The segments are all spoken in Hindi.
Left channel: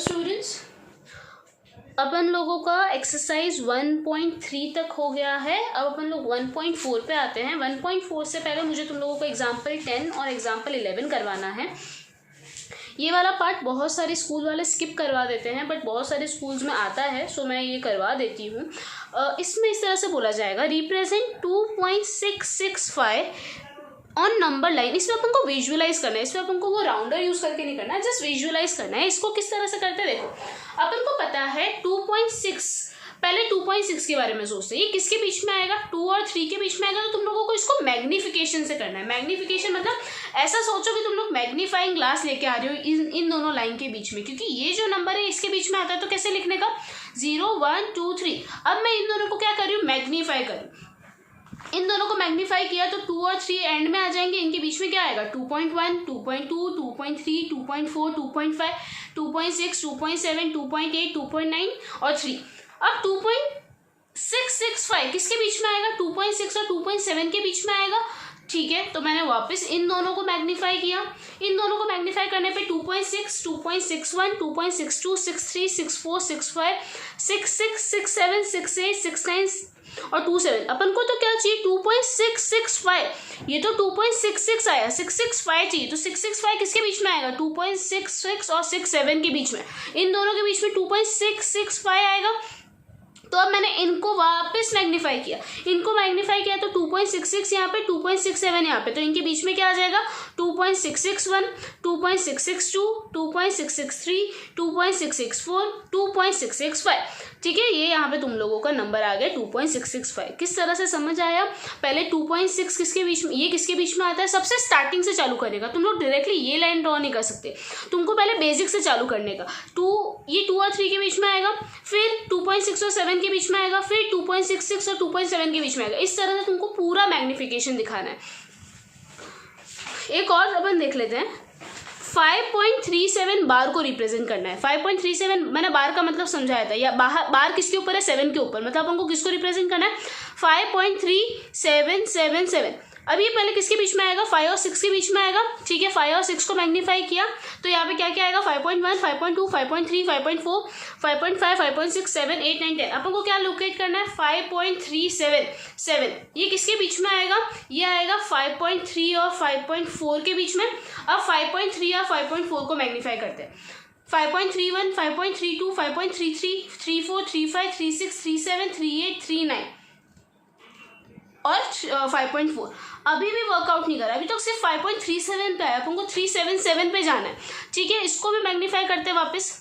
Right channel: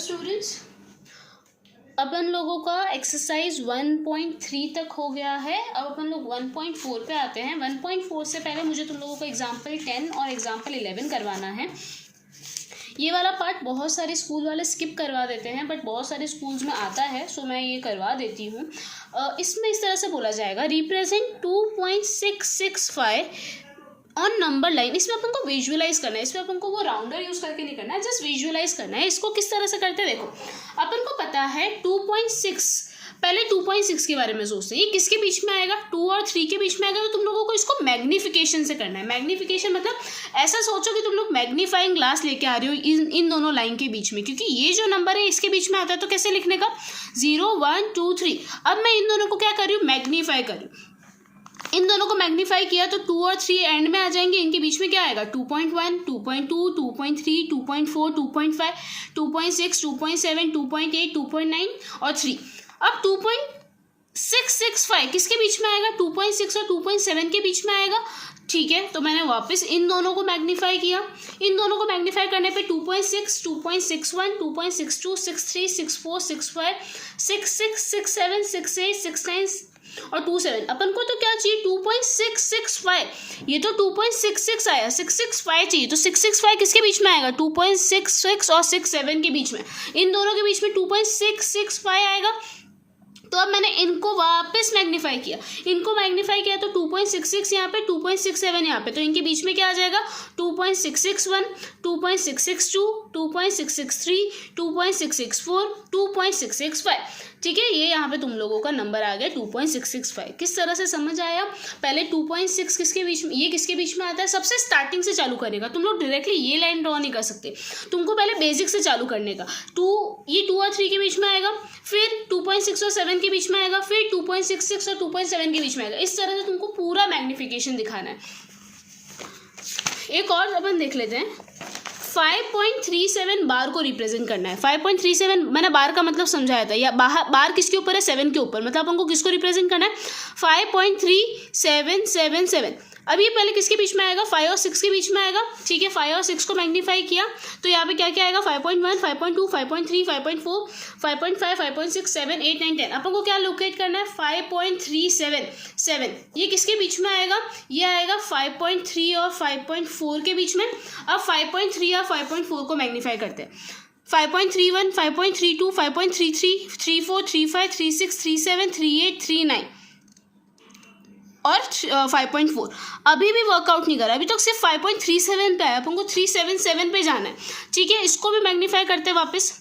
स्टूडेंट्स, अपन लोगों का एक्सरसाइज 1.3 तक हो गया है। अब अपन लोग 1.4 पे आते हैं। 1.4 से पहले मुझे तुम लोगों को एग्जाम्पल 10 और एग्जाम्पल 11 करवाना है। ये वाला पार्ट बहुत सारे स्कूल वाले स्किप करवा देते हैं, बट बहुत सारे स्कूल्स में आता है, सो मैं ये करवा देती हूँ। इसमें इस तरह से बोला जाएगा, रिप्रेजेंट 2.665 ऑन नंबर लाइन। इसमें अपन को विजुअलाइज करना है, इसमें अपन को वो राउंडर यूज करके नहीं करना है, जस्ट विजुअलाइज करना है। इसको किस तरह से करते हैं, देखो अपन को पता है 2.6, पहले 2.6 के बारे में सोचते हैं, ये किसके बीच में आएगा, 2 और 3 के बीच में आएगा। तो तुम लोगों को इसको मैग्निफिकेशन से करना है। मैग्निफिकेशन मतलब ऐसा सोचो कि तुम लोग मैग्नीफाइंग ग्लास लेके आ रहे हो इन दोनों लाइन के बीच में, क्योंकि ये जो नंबर है इसके बीच में आता है, तो कैसे लिखने का, 0 1 2 3। अब मैं इन दोनों को क्या कर रही हूँ, मैग्नीफाई कर रही हूँ। इन दोनों को मैग्नीफाई किया तो 2 और 3 एंड में आ जाएंगे। इनके बीच में क्या आएगा, 2.1 2.2 2.3 2.4 2.5 2.6 2.7 2.8 2.9 और 3। अब 2.665 किसके बीच में आएगा, 2.6 और 2.7 के बीच में आएगा। ठीक है, तो मैंने वापस इन दोनों को मैग्नीफाई किया। इन दोनों को मैग्नीफाई करने पे 2.6 2.61 2.62 63 64 65 66 67 68 69 और 27। अपन को तो क्या चाहिए, 2.665। ये तो 2.66 आया, 665 चाहिए, तो 665 किसके बीच में आएगा, 2.66 और 67 के बीच में। इन दोनों के बीच में 2.665 आएगा। तो अब मैंने इनको वापस मैग्नीफाई किया, इनको मैग्नीफाई किया तो 2.66 यहाँ पे, 2.67 यहाँ पे, तो इनके बीच में क्या आ जाएगा, 2.661 2.662 2.663 2.664 2.665। ठीक है, ये यहाँ पे तुम लोगों का नंबर आ गया 2.665। किस तरह से समझ आया, पहले 2.6 किसके बीच में, ये किसके बीच में आता है, सबसे स्टार्टिंग से चालू करेगा। तुम लोग डायरेक्टली ये लाइन ड्रॉ नहीं कर सकते, तुमको पहले बेसिक से चालू करने का। ये 2 और 3 के बीच में आएगा, फिर 2.6 और 7 के बीच में आएगा, फिर 2.66 और 2.7 के बीच में आएगा। इस तरह से तुमको पूरा मैग्निफिकेशन दिखाना है। एक और अपन देख लेते हैं, 5.37 बार को रिप्रेजेंट करना है। 5.37 मैंने बार का मतलब समझाया था, या बार किसके ऊपर है, 7 के ऊपर, मतलब हमको किसको रिप्रेजेंट करना है, 5.3777। अब ये पहले किसके बीच में आएगा, 5 और 6 के बीच में आएगा। ठीक है, 5 और 6 को मैग्नीफाई किया तो यहाँ पे क्या क्या आएगा, 5.1 5.2 5.3 5.4 5.5 5.6 7 8 9 10। अपन को क्या लोकेट करना है, 5.377। ये किसके बीच में आएगा, ये आएगा 5.3 और 5.4 के बीच में। अब 5.3 और 5.4 को मैग्नीफाई करते हैं, 5.31 5.32 5.33 34 35 36 37 38 39 और 5.4। अभी भी वर्कआउट नहीं करा, अभी तक सिर्फ 5.37 पे आया, अपन को 377 पे जाना है। ठीक है, इसको भी मैग्नीफाई करते हैं वापस,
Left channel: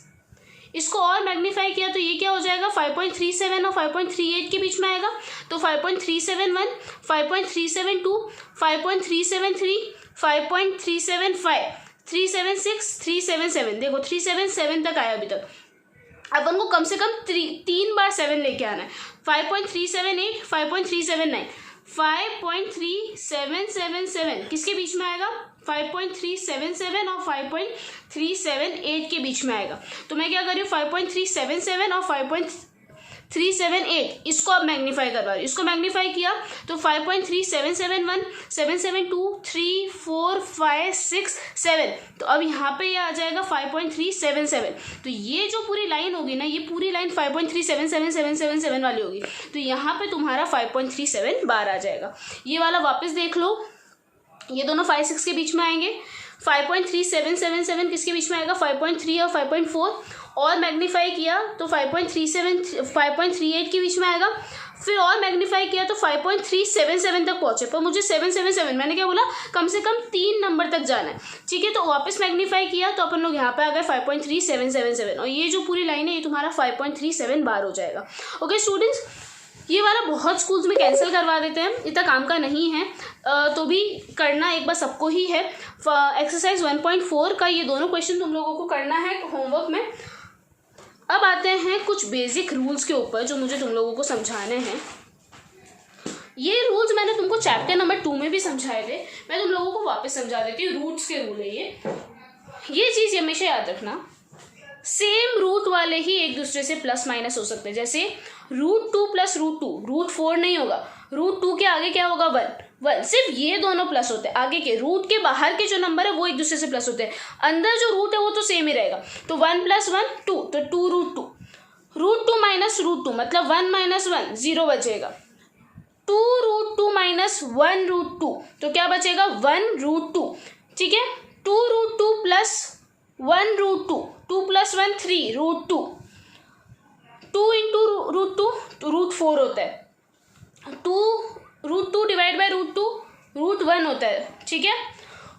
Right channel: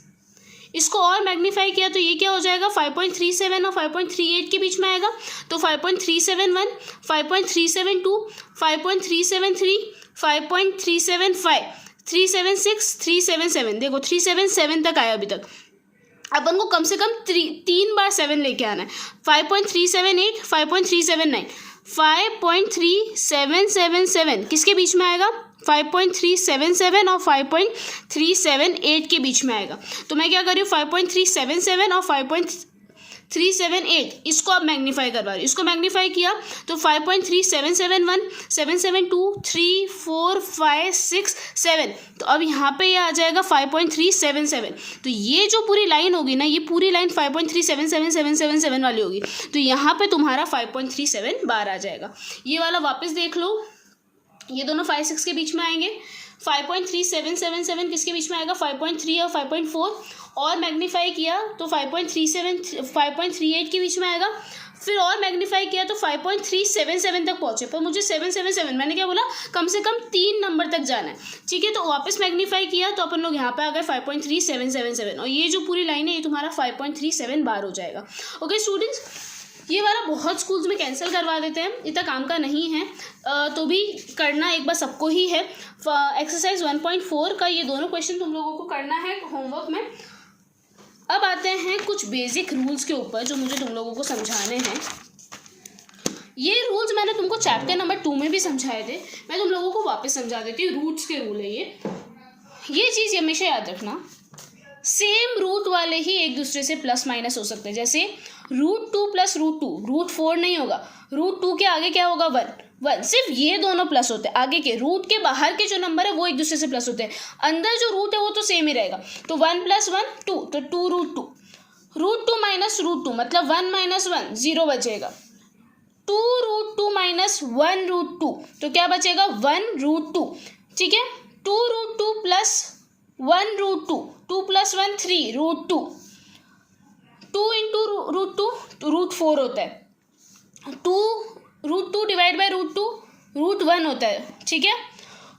इसको और मैग्नीफाई किया तो ये क्या हो जाएगा, 5.37 और 5.38 के बीच में आएगा। तो 5.371 5.372 5.373 5.375 376 377। देखो 377 तक आया अभी तक। अपन को कम से कम 3 बार 7 लेके आना है। 5.378 5.379 5.3777 किसके बीच में आएगा, 5.377 और 5.378 के बीच में आएगा। तो मैं क्या कर रही हूँ, 5.377 और 5.378 इसको अब मैग्नीफाई करवा रही हूँ। इसको मैग्नीफाई किया तो 5.3771 772 3 4 5 6 7। तो अब यहाँ पे ये आ जाएगा 5.377। तो ये जो पूरी लाइन होगी ना, ये पूरी लाइन 5.377777 वाली होगी। तो यहाँ पे तुम्हारा 5.37 बार आ जाएगा। ये वाला वापस देख लो, ये दोनों 5 6 के बीच में आएंगे। 5.3777 किसके बीच में आएगा, 5.3 और 5.4 और मैग्नीफाई किया तो 5.38 के बीच में आएगा। फिर और मैग्नीफाई किया तो 5.377 तक पहुंचे, पर मुझे 777 मैंने क्या बोला, कम से कम 3 नंबर तक जाना है। ठीक है, तो वापस मैग्नीफाई किया तो अपन लोग यहाँ पे आ गए 5.3777 और ये जो पूरी लाइन है ये तुम्हारा 5.37 बार हो जाएगा। ओके स्टूडेंट्स, ये वाला बहुत स्कूल्स में कैंसिल करवा देते हैं, इतना काम का नहीं है, तो भी करना एक बार सबको ही है। एक्सरसाइज 1.4 का ये दोनों क्वेश्चन तुम लोगों को करना है होमवर्क में। अब आते हैं कुछ बेसिक रूल्स के ऊपर जो मुझे तुम लोगों को समझाने हैं। ये रूल्स मैंने तुमको चैप्टर नंबर 2 में भी समझाए थे, मैं तुम लोगों को वापस समझा देती हूँ। रूट्स के रूल है ये चीज़ हमेशा याद रखना। सेम रूट वाले ही एक दूसरे से प्लस माइनस हो सकते हैं। जैसे √2 प्लस √2, √4 नहीं होगा, √2 के आगे क्या होगा 1, सिर्फ ये दोनों प्लस होते हैं। आगे के रूट के बाहर के जो नंबर है वो एक दूसरे से प्लस होते हैं, अंदर जो रूट है वो तो सेम ही रहेगा। तो 1 + 1 2, तो 2√2, √2 माइनस √2 मतलब 1 - 1 0 बचेगा। 2√2 माइनस 1√2 तो क्या बचेगा 1√2, ठीक है। 2√2 प्लस 1√2, 2 + 1 3 √2, 2 × √2 तो √4 होता है, 2√2 डिवाइड बाई √2 √1 होता है, ठीक है।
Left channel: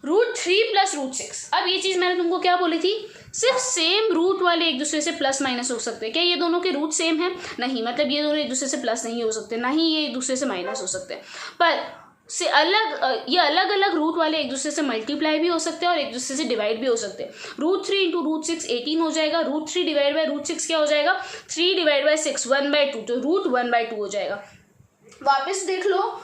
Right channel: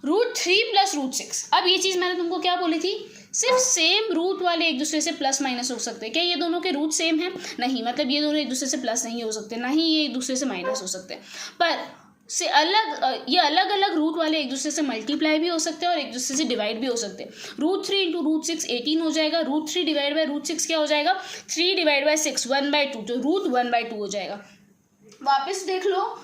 √3 प्लस √6, अब ये चीज़ मैंने तुमको क्या बोली थी, सिर्फ सेम रूट वाले एक दूसरे से प्लस माइनस हो सकते हैं। क्या ये दोनों के रूट सेम है? नहीं, मतलब ये दोनों एक दूसरे से प्लस नहीं हो सकते, ना ही ये एक दूसरे से माइनस हो सकते हैं। पर से ये अलग अलग रूट वाले एक दूसरे से मल्टीप्लाई भी हो सकते हैं और एक दूसरे से डिवाइड भी हो सकते हैं। √3 × √6 18 हो जाएगा, √3 डिवाइड बाई √6 क्या हो जाएगा 3 डिवाइड बाई 6 1/2, तो √1/2 हो जाएगा। वापस देख लो,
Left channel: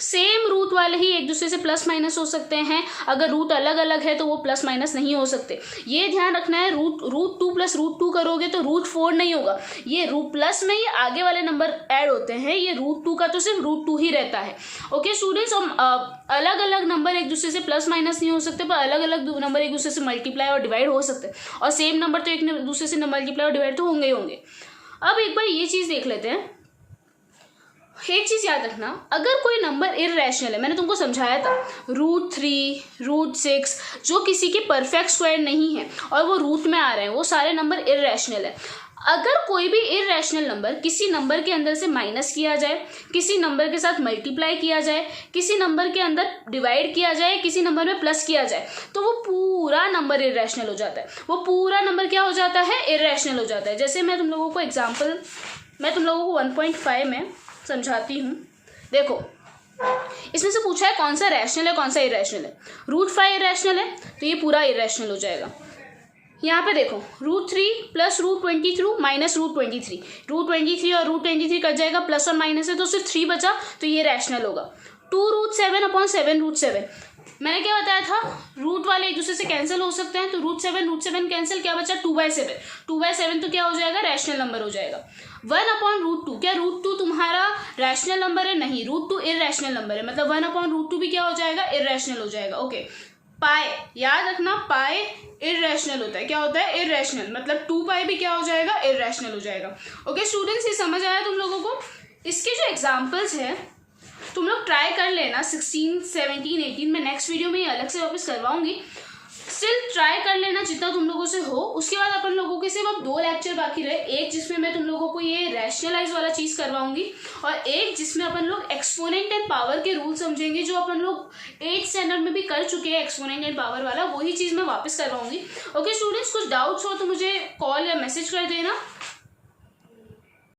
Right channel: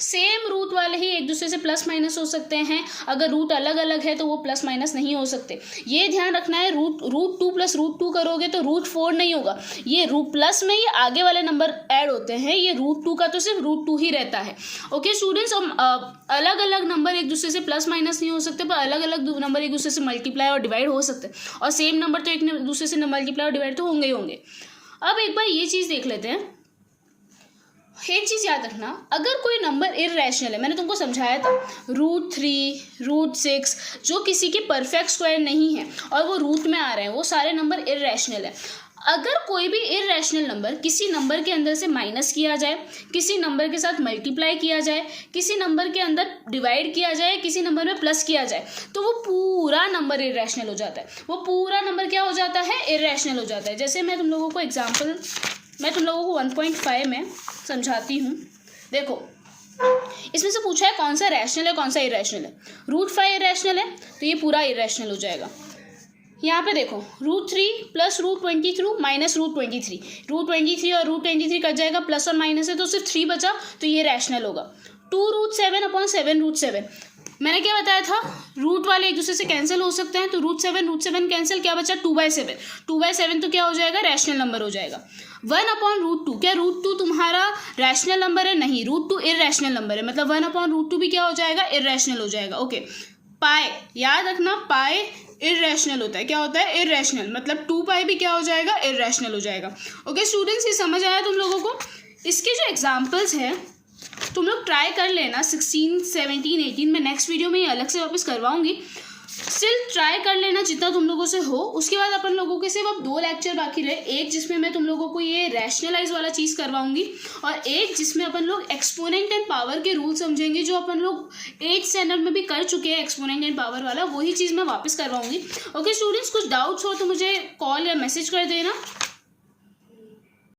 सेम रूट वाले ही एक दूसरे से प्लस माइनस हो सकते हैं, अगर रूट अलग अलग है तो वो प्लस माइनस नहीं हो सकते। ये ध्यान रखना है, √2 प्लस √2 करोगे तो √4 नहीं होगा, ये प्लस में ये आगे वाले नंबर ऐड होते हैं, ये √2 का तो सिर्फ √2 ही रहता है। ओके स्टूडेंट्स, अलग अलग नंबर एक दूसरे से प्लस माइनस नहीं हो सकते, पर अलग अलग नंबर एक दूसरे से मल्टीप्लाई और डिवाइड हो सकते हैं, और सेम नंबर तो एक दूसरे से मल्टीप्लाई और डिवाइड तो होंगे ही होंगे। अब एक बार ये चीज़ देख लेते हैं, एक चीज़ याद रखना, अगर कोई नंबर इर्रेशनल है, मैंने तुमको समझाया था √3 √6 जो किसी के परफेक्ट स्क्वायर नहीं है और वो रूट में आ रहे हैं, वो सारे नंबर इर्रेशनल है। अगर कोई भी इर्रेशनल नंबर किसी नंबर के अंदर से माइनस किया जाए, किसी नंबर के साथ मल्टीप्लाई किया जाए, किसी नंबर के अंदर डिवाइड किया जाए, किसी नंबर में प्लस किया जाए, तो वो पूरा नंबर इर्रेशनल हो जाता है। वो पूरा नंबर क्या हो जाता है? इर्रेशनल हो जाता है। जैसे मैं तुम लोगों को 1.5 में समझाती हूँ। देखो, इसमें से पूछा है कौन सा रैशनल है कौन सा इरेशनल है। √5 इरेशनल है तो ये पूरा इरेशनल हो जाएगा। यहाँ पे देखो, √3 प्लस √23 माइनस √23, √23 और √23 कट जाएगा, प्लस और माइनस है तो सिर्फ 3 बचा, तो ये रैशनल होगा। 2√7/7 √7, मैंने क्या बताया था, रूट वाले एक दूसरे से कैंसिल हो सकते हैं, तो √7 कैंसिल, क्या बचा 2/7, 2/7 तो क्या हो जाएगा रैशनल नंबर हो जाएगा। 1/√2, क्या √2 तुम्हारा रैशनल नंबर है? नहीं, √2 इर्रेशनल नंबर है, मतलब 1/√2 भी क्या हो जाएगा? इर्रेशनल हो जाएगा। ओके, पाई याद रखना, पाई इर्रेशनल होता है, क्या होता है? इर्रेशनल, मतलब 2π भी क्या हो जाएगा? इर्रेशनल हो जाएगा। ओके स्टूडेंट्स, ये समझ आया तुम लोगों को? इसके जो एग्जाम्पल्स हैं तुम लोग ट्राई कर लेना, 16, 17, 18 में नेक्स्ट वीडियो में ये अलग से वापस करवाऊंगी, स्टिल ट्राई कर लेना जितना तुम लोगों से हो। उसके बाद अपन लोगों के सिर्फ अब 2 लेक्चर बाकी रहे, एक जिसमें मैं तुम लोगों को ये रैशनलाइज वाला चीज़ करवाऊंगी और एक जिसमें अपन लोग एक्सपोनेंट एंड पावर के रूल समझेंगे, जो अपन लोग 8th स्टैंडर्ड में भी कर चुके हैं, एक्सपोनेंट एंड पावर वाला, वही चीज़ मैं वापस करवाऊंगी। ओके स्टूडेंट्स, कुछ डाउट्स हो तो मुझे कॉल या मैसेज कर देना।